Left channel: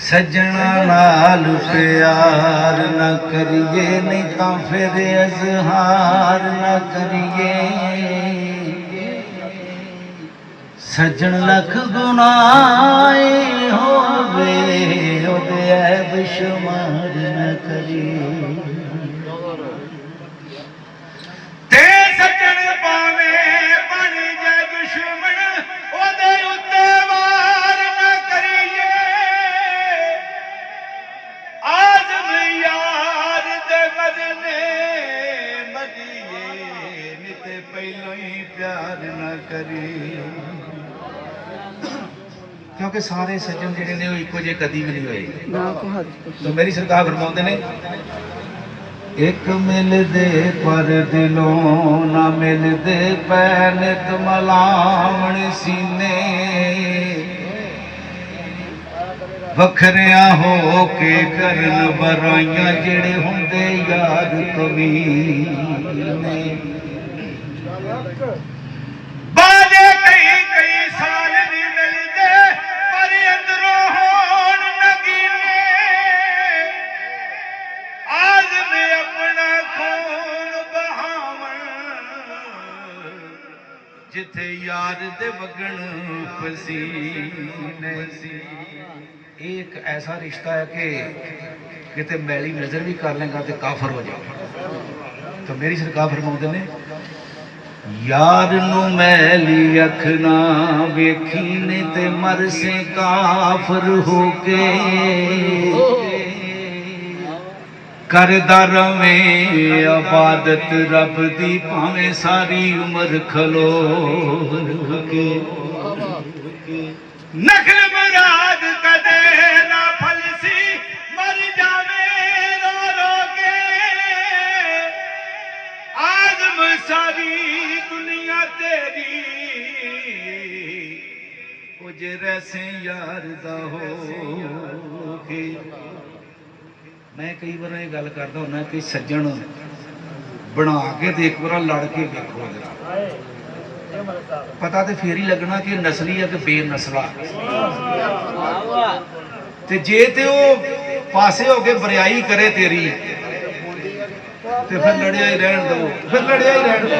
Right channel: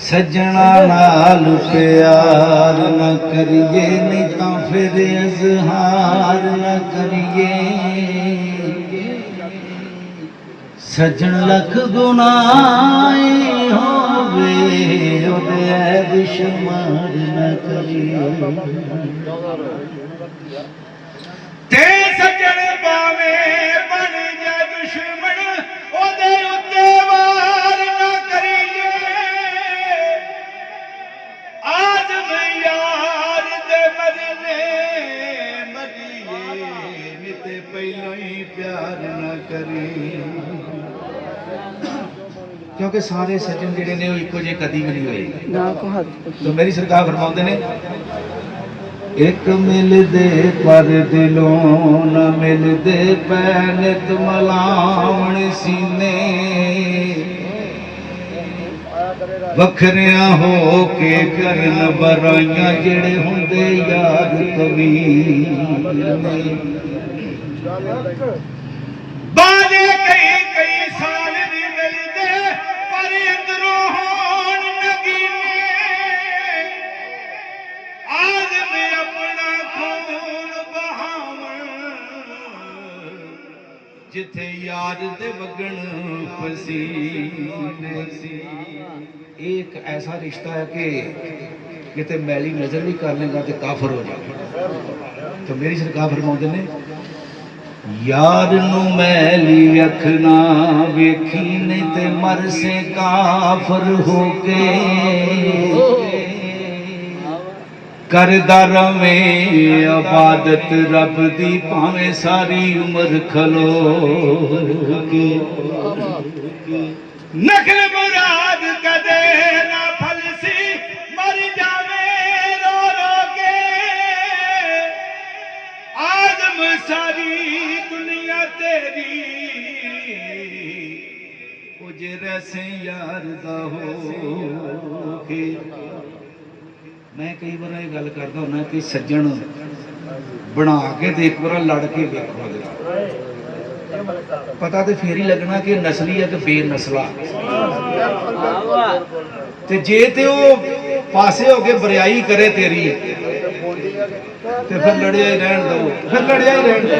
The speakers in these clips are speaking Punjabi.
सजना नाल प्यार न करिए नहीं तो फिर इजहार न करिए सजन लख गुनाए होवे ओदे ऐब शुमार न करिए ते सजन पावे बन जाए दुश्मन ओदे उत्ते वार न करिए आज मैं यार दे मरने मरिए निते पहलों ही प्यार न करिए क्योंकि सारे सज्जन जिहड़े ने इक्को जे कदी भी नहीं होए तो मेरी सरकार फरमाउंदे ने एक मिलदे पर दिलों ना मिलदे पैनत मलावण सीने वखरिया हो के करन बराइयां जिहड़े हुंदे याद कबीर ने बाजे कई कई साल नहीं मिलदे पर अंदरों होण नगीने आज मैं अपना खून बहावन जिथे यार दे वगण पसीने एक ऐसा रिश्ता है कि किते मैली नजर भी कर लेगा तो काफर हो जाएगा तो मेरी सरकार फरमाउंदे ने यार नू मैली अख ना वेखी ने ते मर से काफर हो के करदा रवे इबादत रब दी भावें सारी उम्र खलो के नखल मुराद कदे ना फलसी मर जावे रो रो के आदम सारी दुनिया तेरी कुछ रैसे यार दा हो के मैं कई बार ये गल करता हूँ कि सज्जन बना के देख बार लड़ के देखो पता तो फिर ही लगना कि नस्ली है कि बेनस्ला ते जे ते पासे हो के बरियाई करे तेरी ते फिर लड़िया ही रहन दो फिर लड़िया ही रहन दो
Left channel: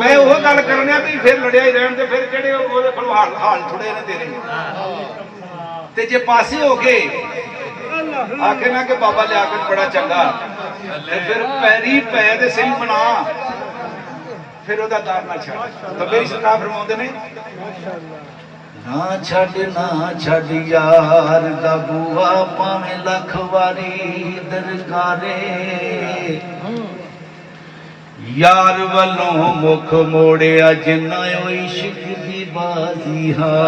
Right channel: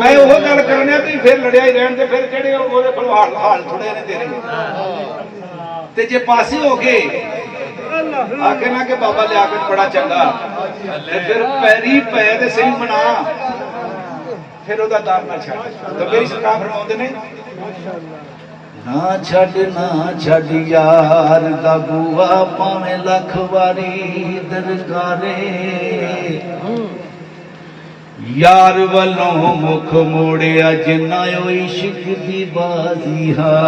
मैं वो गल करना भी फिर लड़िया ही रहन दे फिर जेडे ओदे कोल हाल थोड़े ने तेरे ते जे पासे हो गए आखे ना कि बाबा लिया के बड़ा चंगा फिर पैरी पै दे सही मना फिर ओदा दार ना छड़ तो मेरी सरकार फरमाउंदे ने ना छड़ यार दा बुआ भावें लख वारी दरकारे यार वालों मुख मोड़िया जिन्ना इश्क दी बाजी है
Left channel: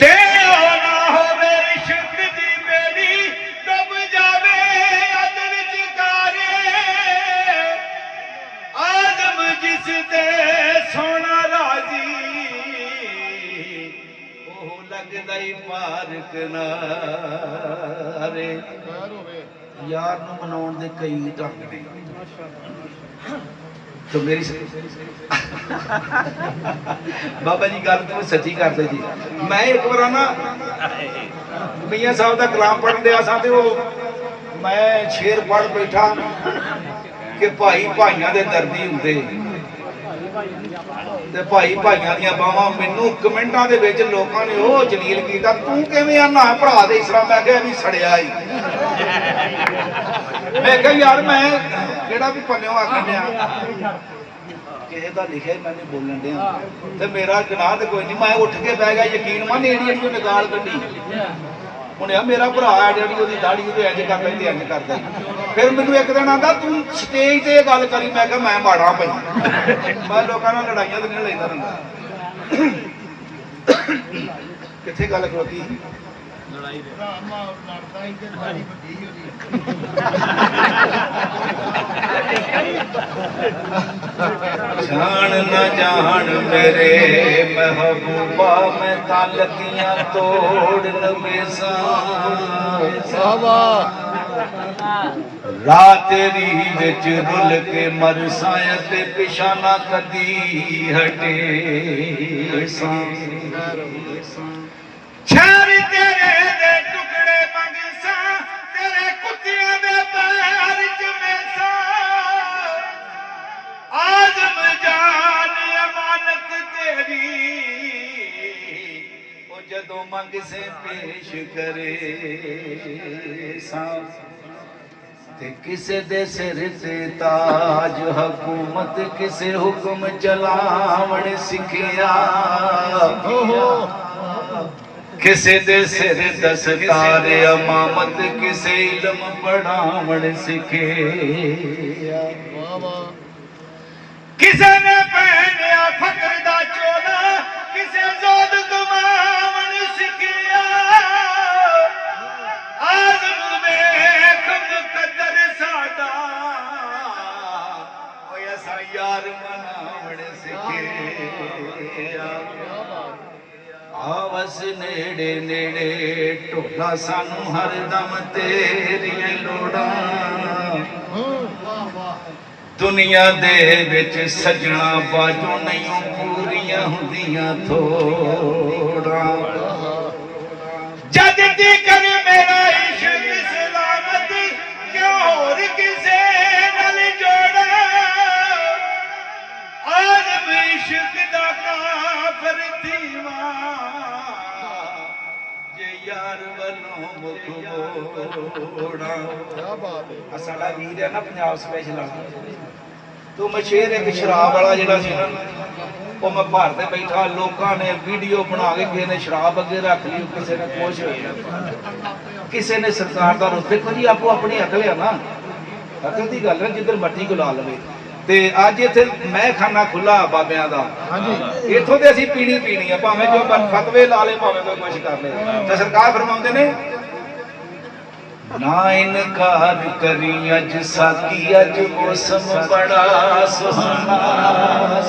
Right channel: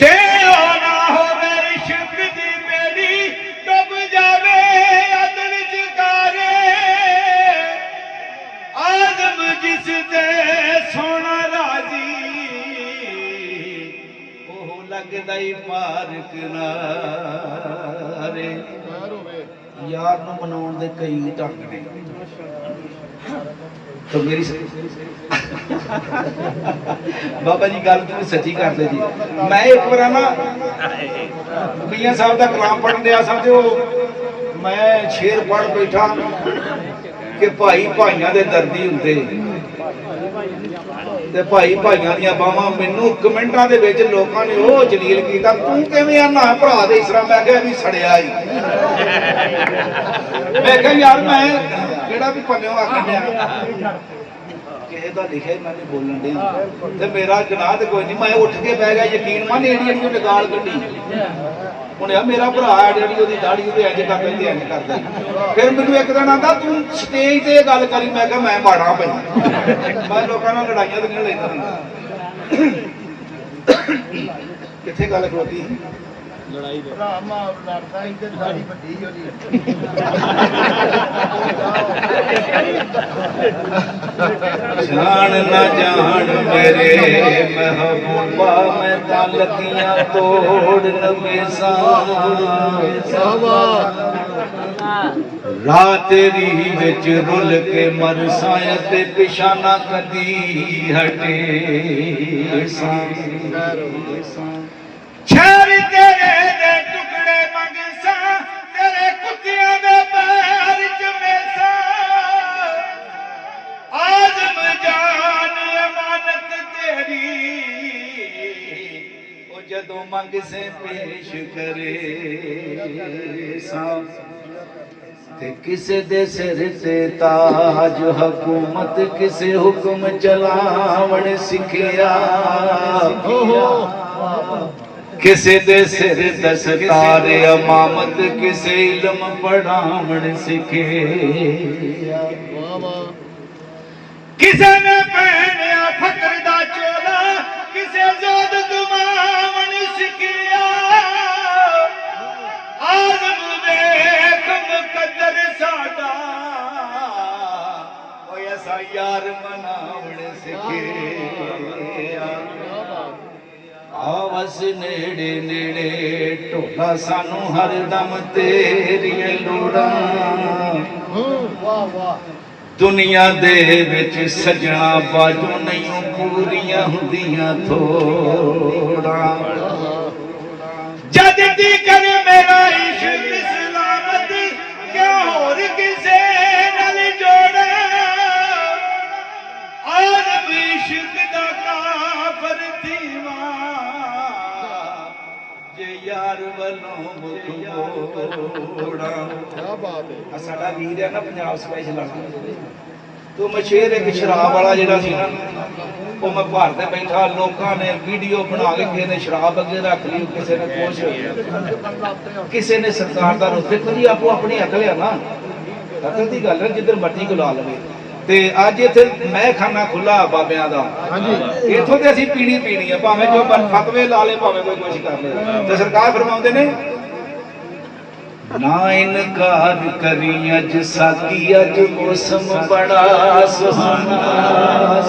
तेरा ना होवे इश्क दी मेरी डुब जावे अद विच कारे आदम जिस दे सोना राजी ओह लगदा ही पार्क नारे यार नूं मनाउण दे कई ढंग ने तो मेरी बाबा जी गल तो सच्ची करते जी मैं एक बार ना मियां साहब का कलाम पढ़न दिया सा तो मैं शेर पढ़ बैठा कि भाई भाइयों के दर्दी होंगे ते भाई भाइयों दी बावां मैनू कमेंटां दे विच लोकां ने ओह जलील कीता तू किवें आना भरा दे इस तरह मैं कहा भी सड़िया ही मैं कहा यार मैं जेड़ा भी पल्लियों आखण दिया किसी का लिखा ही मैंने बोलन दिया ते मेरा गुनाह तो कोई नहीं मैं उठ के बह गया यकीन मन एडी निकाल कड्डी ਹੁਣ ਆ ਮੇਰਾ ਭਰਾ ਹੈ ਜਿਹੜੀ ਉਹਦੀ ਦਾੜੀ ਉਹਦੇ ਇੰਜ ਕਰ ਲੈਂਦੇ ਇੰਜ ਕਰਦੇ ਫਿਰ ਮੈਨੂੰ ਇੱਕ ਦਿਨ ਆਂਦਾ ਤੂੰ ਸਟੇਜ ਤੇ ਇਹ ਗੱਲ ਕਰੀ ਮੈਂ ਕਿਹਾ ਮੈਂ ਬਾੜਾ ਪਈ ਮੈਂ ਲੋਕਾਂ ਨਾਲ ਲੜਾਈਆਂ ਤੇ ਨਹੀਂ ਲੈਂਦਾ ਹੁੰਦਾ ਕਿੱਥੇ ਗੱਲ ਖਲੋਤੀ ਲੜਾਈ ਦੇ ਭਰਾ ਮਾਂ ਲੜਦਾ ਹੀ ਤੇ ਦਾੜੀ ਵੱਡੀ ਉਹਦੀ ਜਾਣ ਨਾ ਜਾਣ ਮੇਰੇ ਮਹਿਬੂਬਾ ਮੈਂ ਤਾਲਕੀਆਂ ਤੋੜ ਲਵੇ ਸਾਵਾ ਰਾਹ ਤੇਰੀ ਵਿੱਚ ਰੁੱਲ ਕੇ ਮਰਸਾਂ ਤੇ ਪਿਛਾ ਨਾ ਕਦੀ ਹਟੇ ਸਾਂ ਸ਼ਹਿਰ ਤੇਰੇ ਦੇ ਟੁਕੜੇ ਮੰਗਸਾਂ ਤੇਰੇ ਕੁੱਤਿਆਂ ਦੇ ਪੈਰ ਚ ਮੇਸਾਂ ਆਜ਼ਮ ਜਾਨ ਅਮਾਨਤ ਤੇਰੀ ਉਹ ਜਦੋਂ ਮੰਗ ਸੇ ਪੇਸ਼ ਕਰੇ ਸਾਂ ਤੇ ਕਿਸੇ ਦੇ ਸਿਰ ਤੇ ਤਾਜ ਹਕੂਮਤ ਕਿਸੇ ਹੁਕਮ ਚਲਾਵਣ ਸਿੱਖਿਆ ਕਿਸੇ ਦੇ ਸਿਰ ਦਸਤਾਰ ਇਮਾਮਤ ਕਿਸੇ ਇਲਮ ਪੜਾਵਣ ਸਿੱਖਿਆ ਕਿਸੇ ਨੇ ਪਹਿਨਿਆ ਫਕਰ ਦਾ ਚੋਲਾ ਕਿਸੇ ਜ਼ੋਦ ਕਮਾਵਣ ਸਿੱਖਿਆ ਆਜ਼ਮ ਵੇਖ ਮੁਕੱਦਰ ਸਾਡਾ ਓਏ ਅਸਾਂ ਯਾਰ ਮਨਾਵਣ ਸਿੱਖਿਆ ਆਵਸ ਨੇੜੇ ਨੇੜੇ ਢੋਲਾ ਸਾਨੂੰ ਹਰ ਦਮ ਤੇਰੀਆਂ ਲੋੜਾਂ ਦੁਨੀਆ ਦੇ ਵਿੱਚ ਸਜਣਾ ਬਾਜੋ ਨਹੀਂ ਪੂਰੀਆਂ ਹੁੰਦੀਆਂ ਥੋੜਾਂ ਜਦ ਦੀ ਕਰ ਮੇਰਾ ਇਸ਼ਕ ਸਲਾਮਤ ਕਿਉਂ ਹੋਰ ਕਿਸੇ ਨਾਲ ਜੋੜਾ ਆਜ਼ਮ ਇਸ਼ਕ ਦਾ ਕਾਫਰ ਥੀਵਾ ਜੇ ਯਾਰ ਵੱਲੋਂ ਮੁਖ ਮੋੜਾ ਕੀ ਬਾਤ ਹੈ ਸਾਡਾ ਵੀਰ ਹੈ ਨਾ ਪੰਜਾਬ ਸਪੈਸ਼ਲ ਵਾਲਾ ਤੋ ਮੈਂ ਸ਼ੇਰ ਇੱਕ ਸ਼ਰਾਬ ਵਾਲਾ ਜਿਹੜਾ ਸੀ ਨਾ ਉਹ ਮੈਂ ਭਾਰਤ ਤੇ ਬੈਠਾ ਲੋਕਾਂ ਨੇ ਵੀਡੀਓ ਬਣਾ ਕੇ ਕਿਸੇ ਨੇ ਸ਼ਰਾਬ ਅੱਗੇ ਰੱਖ ਲਈ ਕਿਸੇ ਨੇ ਕੁਛ ਕਿਸੇ ਨੇ ਸਰਕਾਰ ਦਾ ਰੁਖ ਦੇਖੋ ਜੀ ਆਪੋ ਆਪਣੀ ਅਕਲ ਹੈ ਨਾ ਅਕਲ ਦੀ ਗੱਲ ਹੈ ਜਿੱਧਰ ਮੱਟੀ ਗੁਲਾ ਲਵੇ ਤੇ ਅੱਜ ਇੱਥੇ ਮੈਂ ਖਾਨਾ ਖੁੱਲਾ ਬਾਬਿਆਂ ਦਾ ਹਾਂਜੀ ਇੱਥੋਂ ਤੇ ਅਸੀਂ ਪੀਣੀ ਆ ਭਾਵੇਂ ਜੋ ਫਤਵੇ ਲਾ ਲੇ ਭਾਵੇਂ ਕੋਈ ਕੁਛ ਕਰ ਲੇ ਤੇ ਸਰਕਾਰ ਫਰਮਾਉਂਦੇ ਨੇ ਨਾ ਇਨਕਾਰ ਕਰੀ ਅੱਜ ਸਾਕੀ ਅੱਜ ਮੌਸਮ ਬੜਾ ਸੁਹਾਨਾ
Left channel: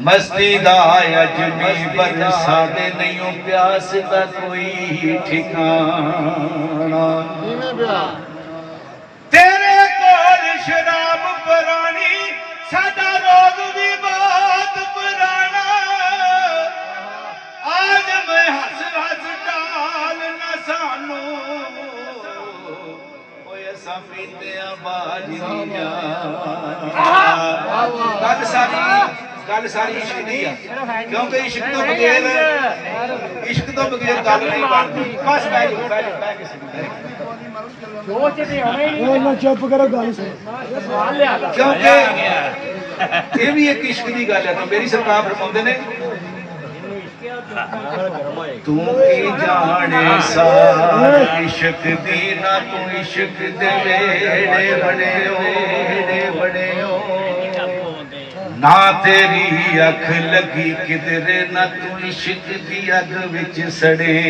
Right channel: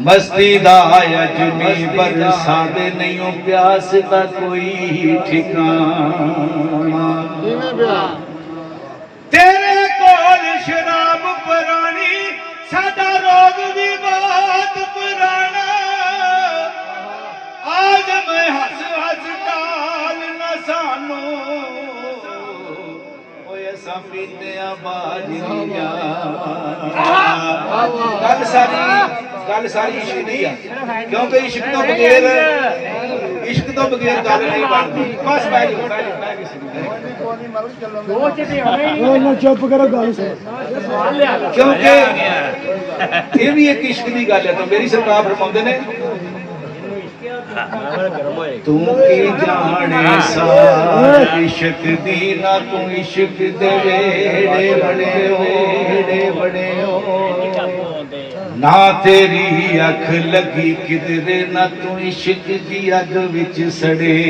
ਮਸਤੀ ਦਾ ਅੱਜ ਮੀਂਹ ਬਰਸਾਵੇ ਨਹੀਂ ਪਿਆਸ ਦਾ ਕੋਈ ਠਿਕਾਣਾ ਤੇਰੇ ਕੋਲ ਸ਼ਰਾਬ ਪੁਰਾਣੀ ਸਾਡਾ ਰੋਗ ਵੀ ਬਹੁਤ ਪੁਰਾਣਾ ਆਜ਼ਮ ਹੱਸ ਹੱਸ ਟਾਲ ਨਾ ਸਾਨੂੰ ਓਏ ਅਸਾਂ ਪੀਂਦਿਆਂ ਬਾਜੀਆਂ ਗੱਲ ਸਾਰੀ ਇਸ਼ਕ ਦੀ ਆ ਕਿਉਂਕਿ ਇਸ਼ਕ ਤੋਂ ਬਗੈਰ ਗੱਲ ਨਹੀਂ ਬਣਦੀ ਬਸ ਬਹਿ ਜਾਓ ਚੁੱਪ ਕਰੋ ਗੱਲ ਕਿਉਂਕਿ ਇਹ ਵੀ ਇੱਕ ਇਸ਼ਕ ਦੀ ਗੱਲ ਹੈ ਤਾਂ ਮੇਰੀ ਸਰਕਾਰ ਫਰਮਾਉਂਦੇ ਨੇ ਤੂੰ ਕੀ ਜਾਣੇ ਸਾਰ ਇਸ਼ਕ ਦੀ ਨਾ ਤੂੰ ਇਸ਼ਕ ਦੇ ਵੇੜੇ ਬੜੇ ਨਾ ਤੇਰੀ ਅੱਖ ਲੱਗੀ ਕਿਧਰੇ ਨਾ ਤੂੰ ਇਸ਼ਕ ਦੀ ਅੱਗ ਵਿੱਚ ਸੜੇ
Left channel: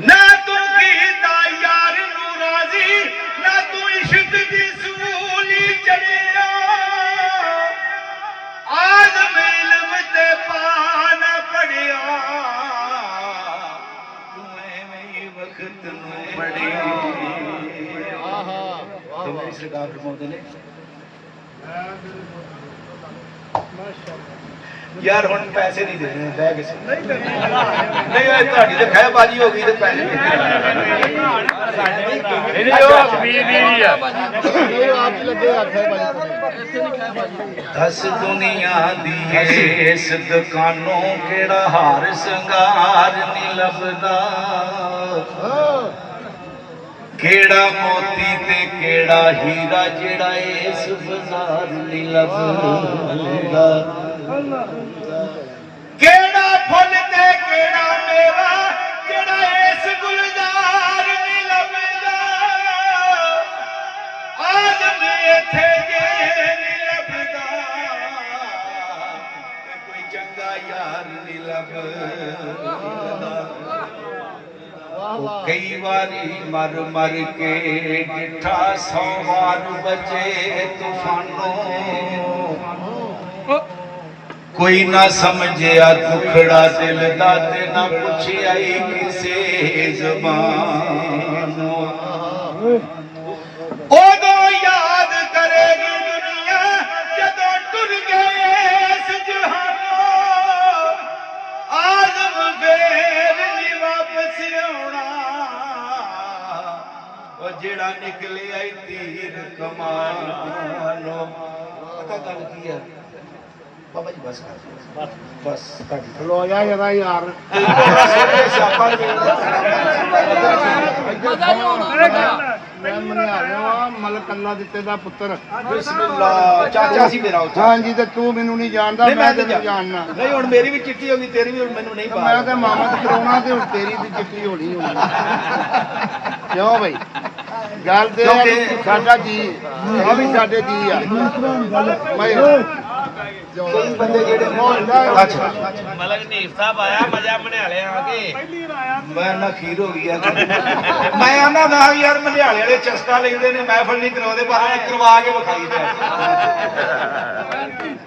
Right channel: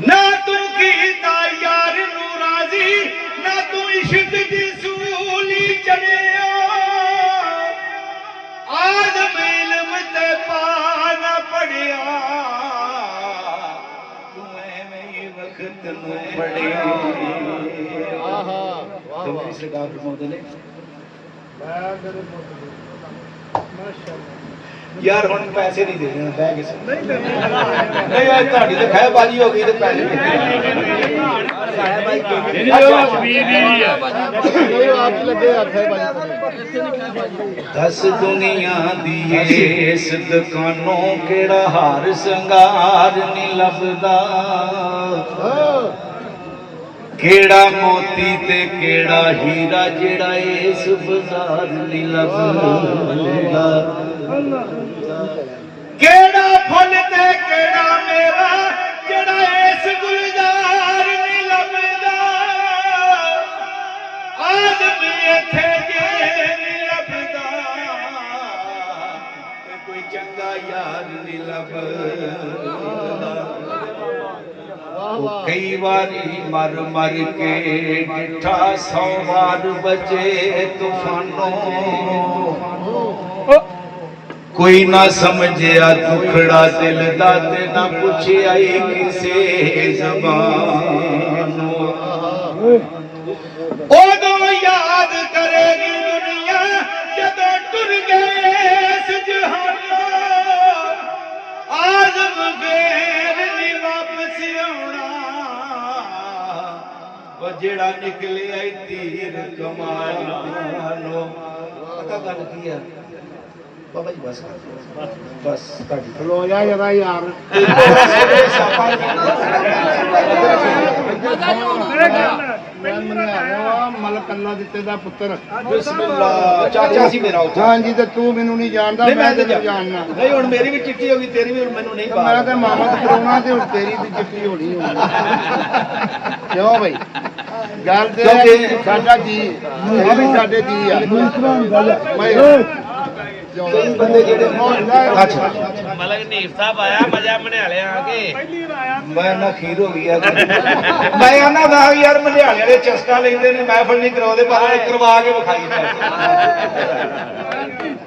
ਨਾ ਤੂੰ ਕੀਤਾ ਯਾਰ ਨੂੰ ਰਾਜ਼ੀ ਨਾ ਤੂੰ ਇਸ਼ਕ ਦੀ ਸੂਲੀ ਚੜਿਆ ਆਜ਼ਮ ਇਲਮ ਤੇ ਪਾਨ ਪੜਿਆ ਤੂੰ ਐਵੇਂ ਹੀ ਵਕਤ ਨੂੰ ਪੜਿਆ ਤੇ ਮੇਰੀ ਸਰਕਾਰ ਫਰਮਾਉਂਦੇ ਨੇ ਯਾਰ ਹੁਣ ਪੈਸੇ ਨਹੀਂ ਦੇਣੇ ਬਹਿ ਕੇ ਨਹੀਂ ਯਾਰ ਤੁਹਾਡੀ ਤੇ ਖੈ ਬਾਜੀ ਹੋ ਗਈ ਤੇ ਪੈਸੇ ਦਸ ਦੁਨੀਆ ਦੀ ਇਸ ਦੁਕਾਨੋਂ ਕਿਹੜਾ ਹਾਰ ਸ਼ਿੰਗਾਰ ਨਹੀਂ ਲੱਭਦਾ ਕਿਹੜਾ ਮੋਤੀ ਤੇ ਕਿਹੜਾ ਹੀਰਾ ਜਿਹੜਾ ਇਸ ਬਾਜ਼ਾਰ ਨਹੀਂ ਲੱਭਦਾ ਕਿਹੜਾ ਫੁੱਲ ਤੇ ਕਿਹੜਾ ਮੇਵਾ ਜਿਹੜਾ ਇਸ ਗੁਲਜ਼ਾਰ ਨਹੀਂ ਲੱਭਦਾ ਆਦਮ ਇੱਥੇ ਜੇ ਨਹੀਂ ਲੱਭਦਾ ਤੇ ਕੋਈ ਚੰਗਾ ਯਾਰ ਨਹੀਂ ਲੱਭਦਾ ਕਈ ਵਾਰੀ ਮਰ ਕੇ ਡਿਠਾ 100 ਵਾਰ ਬਚੇ ਤੂਫਾਨੋਂ कोई ना समझिया दुखड़ा दिल दा ते ना पुछिया किसे ज़बान ओदो याद करेगी दुनिया जदों टुर गए इस जहानों आज़म गैर नी वापस आउणा ओ जेड़ा निकले आई तीर कमाल नालों पता गल की है बाबा जी बस बस ਖਲੋ ਜਾ ਜਰਾ ਯਾਰ ਮੈਂ ਮੰਨਿਆ ਰਿਹਾ ਮਲਕ ਅੱਲਾ ਦਿੱਤੇ ਦਾ ਪੁੱਤਰ ਬਿਸਮਿਲ੍ਲਾ ਚਾਚਾ ਸੀ ਮੇਰਾ ਉੱਥੇ ਹਾਂਜੀ ਤੇ ਤੂੰ ਮੈਨੂੰ ਨਹੀਂ ਜਾਣਦਾ ਮੈਂ ਤੈਨੂੰ ਜਾਣਨਾ ਨਹੀਂ ਹੁਣ ਮੇਰੀ ਵੀ ਚਿੱਟੀ ਹੋ ਗਈ ਤੇਰੀ ਵੀ ਹੁਣ ਮੈਨੂੰ ਨਹੀਂ ਪਤਾ ਮੈਂ ਤਾਂ ਮਾਮਾ ਤੇ ਕਰਾਉਣਾ ਤੇ ਹੁਣ ਤੇਰੀ ਵੀ ਚਿੱਟੀ ਹੋਣੀ ਕਿਉਂ ਬਈ ਗੱਲ ਤੇ ਸਾਡਾ ਜੀ ਇਹ ਵੀ ਸਾਡੇ ਜੀ ਆ ਮੈਂ ਬੰਦੇ ਜਿਹੜੇ ਅੱਛਾ ਮਲਕ ਨੀਫ ਸਾਹਿਬ ਆਇਆ ਮਜ਼ਾ ਮਨਿਆਲੇ ਆ ਕੇ ਮੈਂ ਨਾ ਖੀਰ ਹੋ ਗਈ ਆ ਮੈਂ ਆਨਾ ਦਾ ਯਾਰ ਮਨਿਆਲੇ ਵਾਲੇ ਚਸਕਾ ਲੈਂਦੇ ਨੇ ਮਹਿਫਲ ਨਹੀਂ ਕਰਾਉਂਦੇ ਪਰ ਕਰਵਾ ਕੇ ਵਿਖਾਈ ਦਾ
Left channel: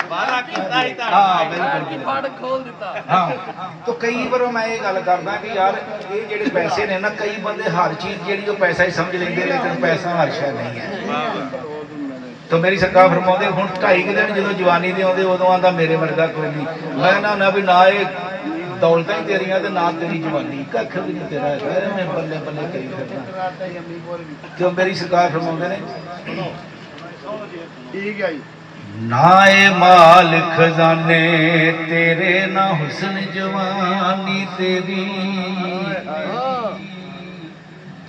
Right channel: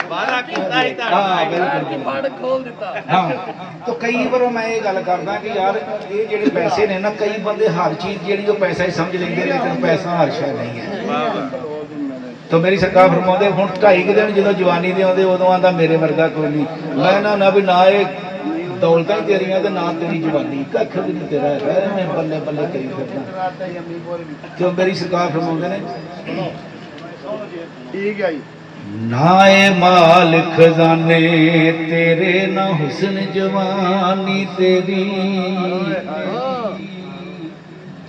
ਵਾਦਾ ਕੀਤਾ ਹੀ ਤਾਂ ਹਾਂ ਬਿਲਕੁਲ ਫੜ ਖੋਲ ਦਿੱਤਾ ਹਾਂ ਤਾਂ ਕਈ ਵਾਰ ਮੈਂ ਇਹ ਗੱਲ ਕਰਦਾ ਕਿ ਯਾਰ ਇਹ ਜਿਹੜੇ ਪੈਸੇ ਨੇ ਨਾ ਕਈ ਬੰਦੇ ਹਰ ਚੀਜ਼ ਜਿਹੜੀ ਉਹ ਪੈਸਾ ਹੀ ਸਮਝ ਲੈਂਦੇ ਲੇਕਿਨ ਪੈਸਾ ਹਰ ਸ਼ੈ ਨਹੀਂ ਹੈ तो मेरी सरकार फरमाते हूँ 2.5 दिन जो जवानी दे आते उदों आंदा मेरे वर्गा कोई नहीं मैं ना भी ना ये दौलतां ही तेरियां ते ना तेरी जवानी कख भी नहीं तेरा है मैं बल्ले बल्ले करी फिरदा तो मेरी सरकार फरमाते ने ਠੀਕ ਹੈ ਜੀ ना ए माल खजाने तेरे ना हुस्न जवानी तेरी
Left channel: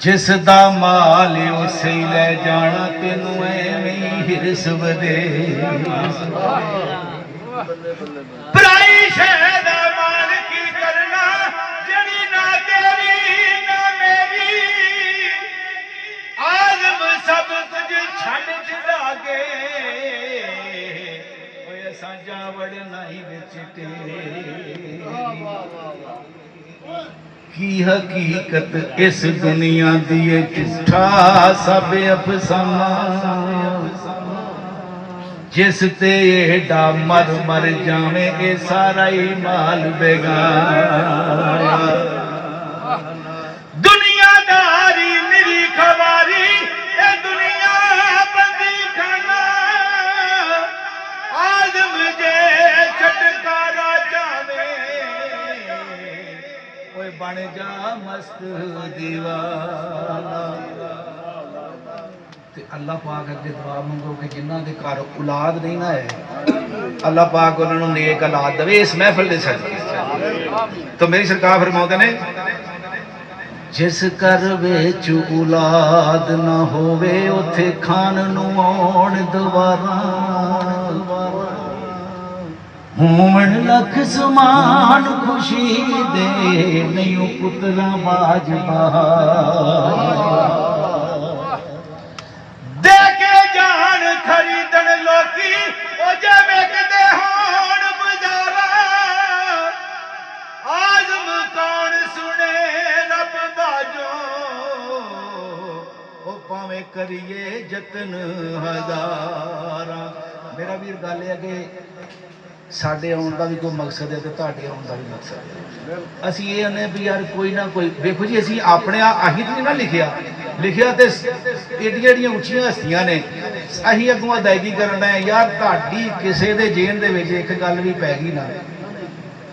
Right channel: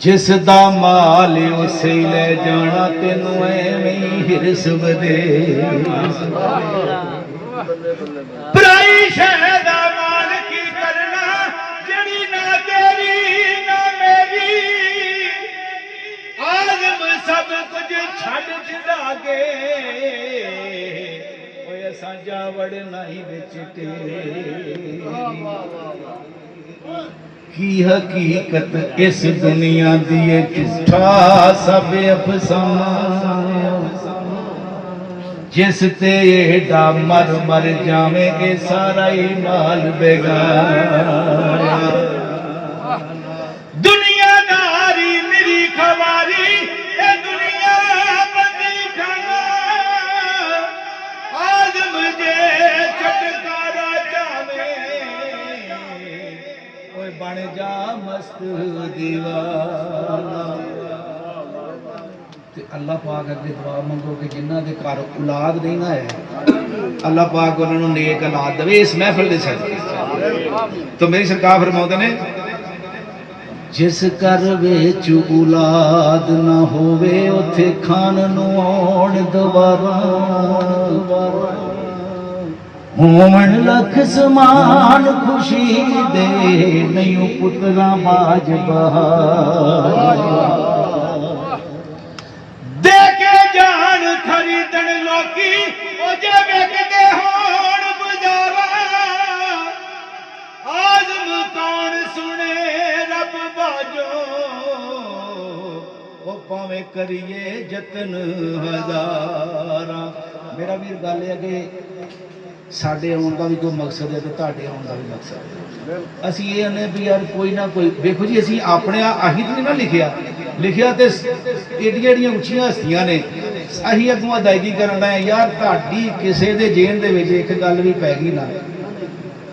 जिस दा माल उसे ले जाना तेनू एवें हिरस वदे पराई शह दा माल की करना जड़ी ना तेरी ना मेरी आज़म सब कुछ छड़ छड़ा के ओए असां जा वड़ना ही विच तेरी की हकीकत इस दुनिया दी झूठा सब अफसाना जिस ते एडा मर मर जावे ए सारा ही माल बेगाना दुनियादारी मेरी खवारी ए दुनिया बंदी खाना आज़म जे छटकारा जावे बन जा मस्त दीवाना ते अल्लाह पाक अगे दुआ मंगो कि जिन्हां दे घर औलाद नहीं ना है अल्लाह पाक उन्हां नूं नेक औलाद देवे इस महफिल दे सदके तो मेरी सरकार फरमाउंदे ने जिस घर विच औलाद ना होवे उथे खान नूं आउण दुबारा होवन लख समान खुशी दे नहीं पुतरा बाज दे के जान खरीदन लोकी ओ जे वेखदे होण बाजारा आज़म कौन सुने रब बाजो ओ भावें करिए जतन हज़ारा मेरा वीर गल है कि साडे आउण दा भी कोई मकसद है तो तुहाडे आउण दा भी मकसद है असीं ये आने भी यार कोई ना कोई देखो जी असीं अपने अहीं तो नहीं ना लिखिया ते एडियां एडियां उच्चियां हस्तियां ने असीं अगों अदायगी करना है यार तुहाडी किसे दे जेन दे विच एक गल भी पै गई ना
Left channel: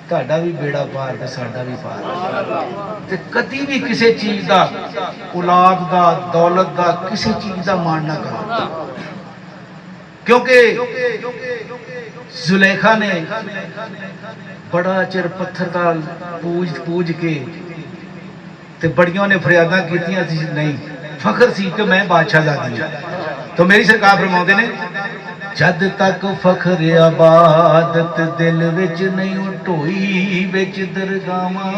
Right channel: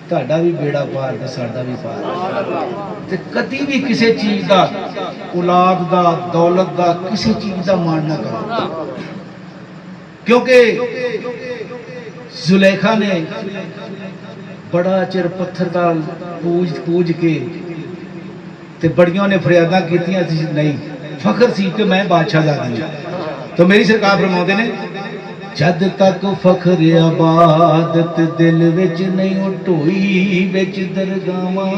तुहाडा भी बेड़ा पार ते साडा भी पार ते कदी भी किसी चीज दा औलाद दा दौलत दा किसी चीज दा मान ना करो क्योंकि जुलेखा ने बड़ा चिर पत्थर का पूज के ते बड़ियों ने फरियादा कीतियां नहीं फखर सी कि मैं बादशाहजादी हां तो मेरी सरकार फरमाउंदे ने जद तक फखर आबादत दिल विच नहीं ढोई विच दरगावां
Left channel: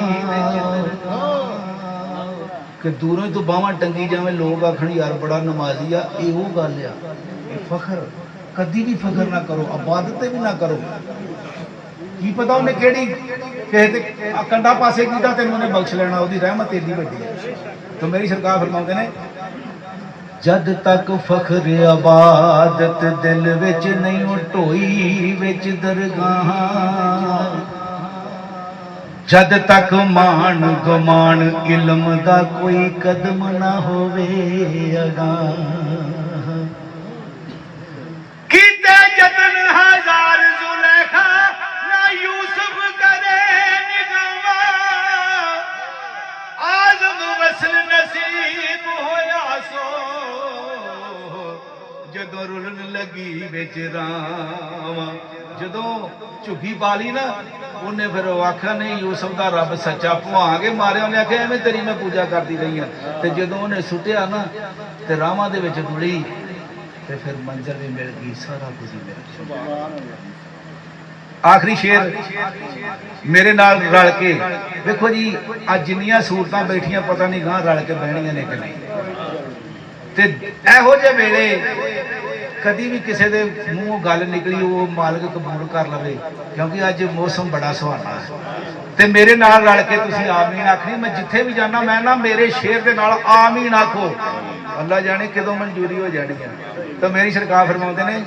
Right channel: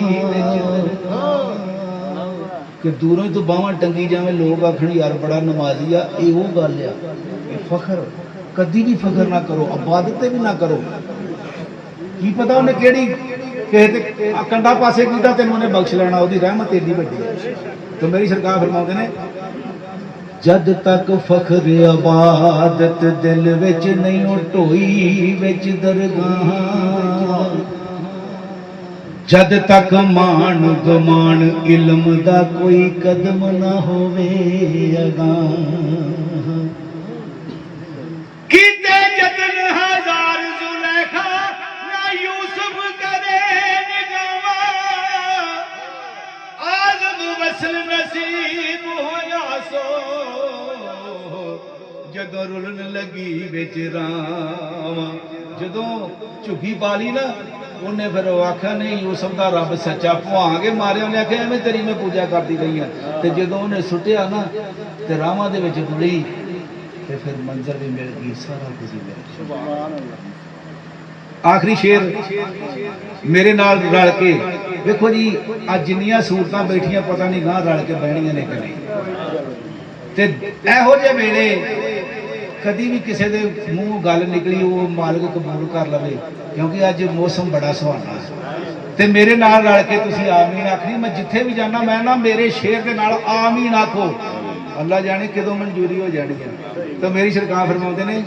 कि दूरों तो बावां टंगी जावे लोग आखण यार बड़ा नमाजी आ इहो गल आ फखर कदी भी फखर ना करो इबादत भी ना करो की पता उन्हें केड़ी कहते कंडा पासे कीता तेन उन्हें बख्श लेना ओदी रहमत एडी वड्डी है तो मेरी सरकार फरमाते ने ਜਦ ਤੱਕ ਫਖਰ ਇਬਾਦਤ ਦਿਲ ਵਿੱਚ ਨਹੀਂ ਢੋਈ ਵਿੱਚ ਦਰਗਾਹਾਂ, ਜਦ ਤੱਕ ਮਾਣ ਗੁਮਾਨ ਇਲਮ ਦਾ ਕੋਈ ਕਦਮ ਨਾ ਹੋਵੇ ਅਗਾਂਹ। ਕੀਤੇ ਜਤਨ ਹਜ਼ਾਰ ਜ਼ੁਲੈਖਾ ਨਾ ਯੂਸਫ ਕਰੇ ਨਿਗਾਹਾਂ, ਆਜ਼ਮ ਵਸਲ ਨਸੀਬ ਹੋਇਆ ਸੋ ਜਦੋਂ ਰੁਲਣ ਲੱਗੀ ਵਿੱਚ ਰਾਵਾਂ। ਜਦੋਂ ਝੁੱਗੀ ਪਾਲੀ ਨਾ ਉਹਨੇ ਫਿਰ ਉਹ ਆਖਿਆ ਨਹੀਂ ਯੂਸਫ ਦਾ ਰੱਬ ਸੱਚਾ, ਭੁਆਂਗੇ ਮਾਰਿਆ। ਉਹਨੇ ਆਖਿਆ ਐਵੇਂ ਤੇਰੀ ਮੈਂ ਪੂਜਾ ਕਰਦੀ ਰਹੀ ਹਾਂ। ਤੇ ਜਦੋਂ ਉਹਨੇ ਸੁੱਟਿਆ ਨਾ ਤੇ ਰਾਵਾਂ ਦੇ ਵਿੱਚ ਰੁਲੀ ਤੇ ਫਿਰ ਮੰਜ਼ਰ ਵੀ ਮਿਲ ਗਈ, ਸਾਰਾ ਕੁਝ ਹੀ ਮਿਲ ਗਿਆ। ਆਖਰੀ ਸ਼ੇਰ ਮੇਰੇ ਨਾਲ ਰਲ ਕੇ ਵੇਖੋ ਜੀ, ਅੱਜ ਜਿੰਨੀਆਂ ਸੂਰਤਾਂ ਬੈਠੀਆਂ ਪਤਾ ਨਹੀਂ ਗਾਂ ਰਲ ਕੇ ਬਹਿਣੀਆਂ ਨੇ ਕਿ ਨਹੀਂ। ਤੇ ਇਹੋ ਜਿਹੇ ਵੇਲੇ ਕਦੀ ਵੀ ਕਿਸੇ ਦੇ ਮੂੰਹੋਂ ਗੱਲ ਨਿਕਲੀ ਉਹ ਮਾਲਕ ਕਬੂਲ ਕਰ ਲਵੇ, ਕਿਉਂਕਿ ਅੱਜ ਮੌਸਮ ਬੜਾ ਸੁਹਾਣਾ ਹੈ। ਤੇ ਮੇਰੇ ਨਾਲ ਰਲ ਕੇ ਤੁਸੀਂ ਆਮੀਨ ਆਖਣੀ। ਮੈਂ ਜਿੱਥੇ ਵੀ ਜਾਣਾ ਮੈਂ ਨਾ ਮੇਰੇ ਸ਼ੇਰ ਦੇ ਨਾਲ ਆਮੀਨ ਆਖੋ, ਅੱਲਾ ਜਾਣੇ ਕਦੋਂ ਮਨਜ਼ੂਰੀ ਹੋ ਜਾਣੀ ਹੈ। ਤਾਂ ਮੇਰੀ ਸਰਕਾਰ ਫਰਮਾਉਂਦੇ ਨੇ,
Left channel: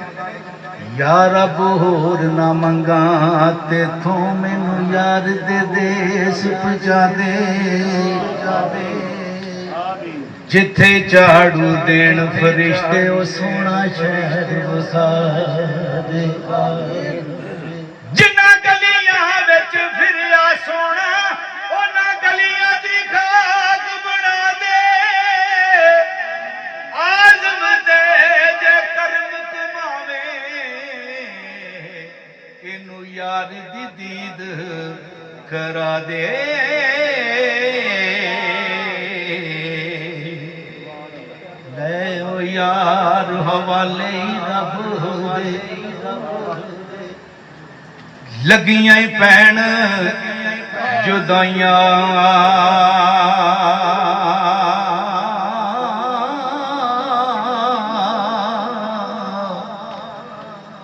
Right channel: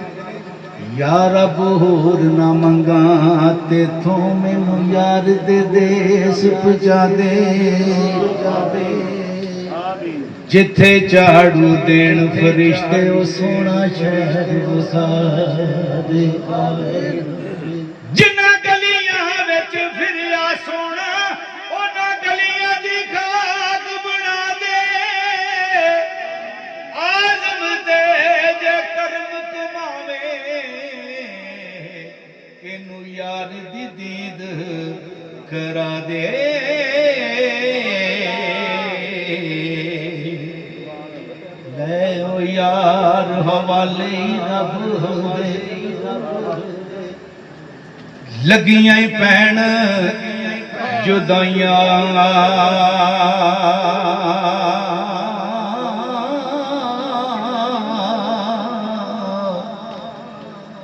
ਯਾ ਰੱਬ ਹੋਰ ਨਾ ਮੰਗਾ ਤੇਥੋਂ ਮੈਨੂੰ ਯਾਰ ਦੇ ਦੇਸ ਪਹੁੰਚਾ ਦੇ, ਜਿੱਥੇ ਝਾੜੂ ਦੇਣ ਫਰਿਸ਼ਤੇ ਉਹ ਸੋਹਣਾ ਸ਼ਹਿਰ ਵਸਾ ਦੇ। ਜਿਨ੍ਹਾਂ ਗਲੀਆਂ ਵਿੱਚ ਫਿਰਿਆ ਸੋਹਣਾ ਉਹਨਾਂ ਗਲੀਆਂ ਦੀ ਖਾਕ ਬਣਾ ਦੇ। ਆਜ਼ਮ ਦੇ ਜੇ ਕਰਮ ਕਮਾਵੇ ਇਹਨੂੰ ਯਾਰ ਦੀ ਦੀਦ ਕਰਾ ਦੇ। ਲੈ ਓ ਯਾਰ ਹਵਾਲੇ ਰੱਬ ਹੋਵੇ, ਲੱਗੀਆਂ ਹੀ ਪੈਣ ਜੁਦਾਈਆਂ।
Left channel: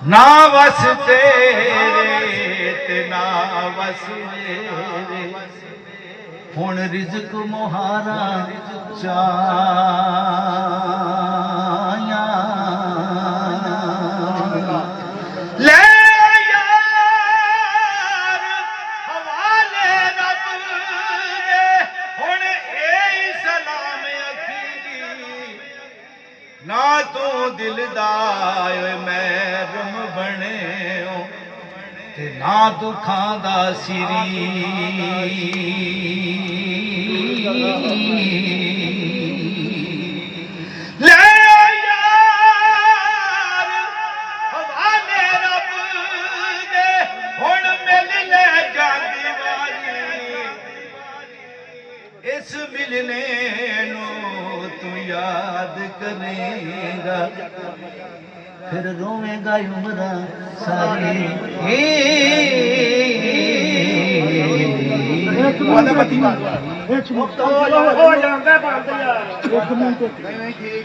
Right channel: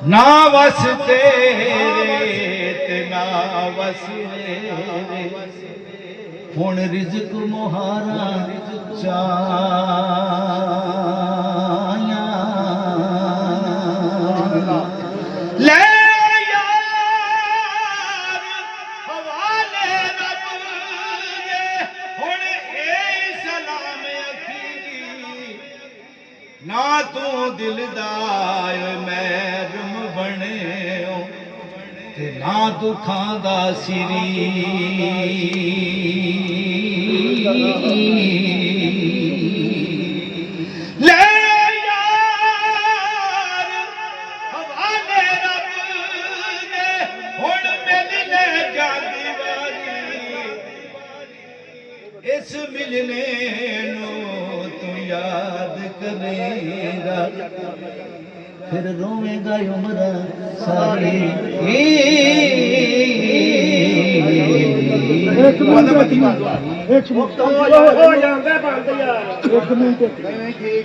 ਨਾ ਵਸ ਤੇਰੇ ਤੇ ਨਾ ਵਸ ਮੇਰੇ, ਹੁਣ ਰਿਜ਼ਕ ਮੁਹਾਰਾ ਚਾਇਆ। ਲੈ ਯਾਰ ਹਵਾਲੇ ਰੱਬ ਦੇ, ਹੁਣ ਇਹ ਸਲਾਮ ਅਖੀਰੀ। ਨਾ ਤੂੰ ਦਿਲ ਦਾ ਮਹਿਰਮ ਬਣਿਓ ਤੇ ਨਾ ਦੁੱਖਾਂ ਦਾ ਸਿਰੀ। ਲੈ ਯਾਰ ਹਵਾਲੇ ਰੱਬ ਦੇ, ਹੁਣ ਮਿਲ ਲੈ ਜਾਂਦੀ ਵਾਰੀ। ਇਸ ਮਿਲਨੇ ਨੂੰ ਤੂੰ ਯਾਦ ਕਰੇਗਾ, ਫਿਰ ਰੋਵੇਂਗਾ ਉਮਰ ਸਾਰੀ। ਇੱਕ ਮਿੰਟ ਹੋ ਜਾਂਦਾ ਬੰਦ ਯਾਰ, ਇੱਕ ਮਿੰਟ। ਨਹੀਂ ਠੀਕ ਆ।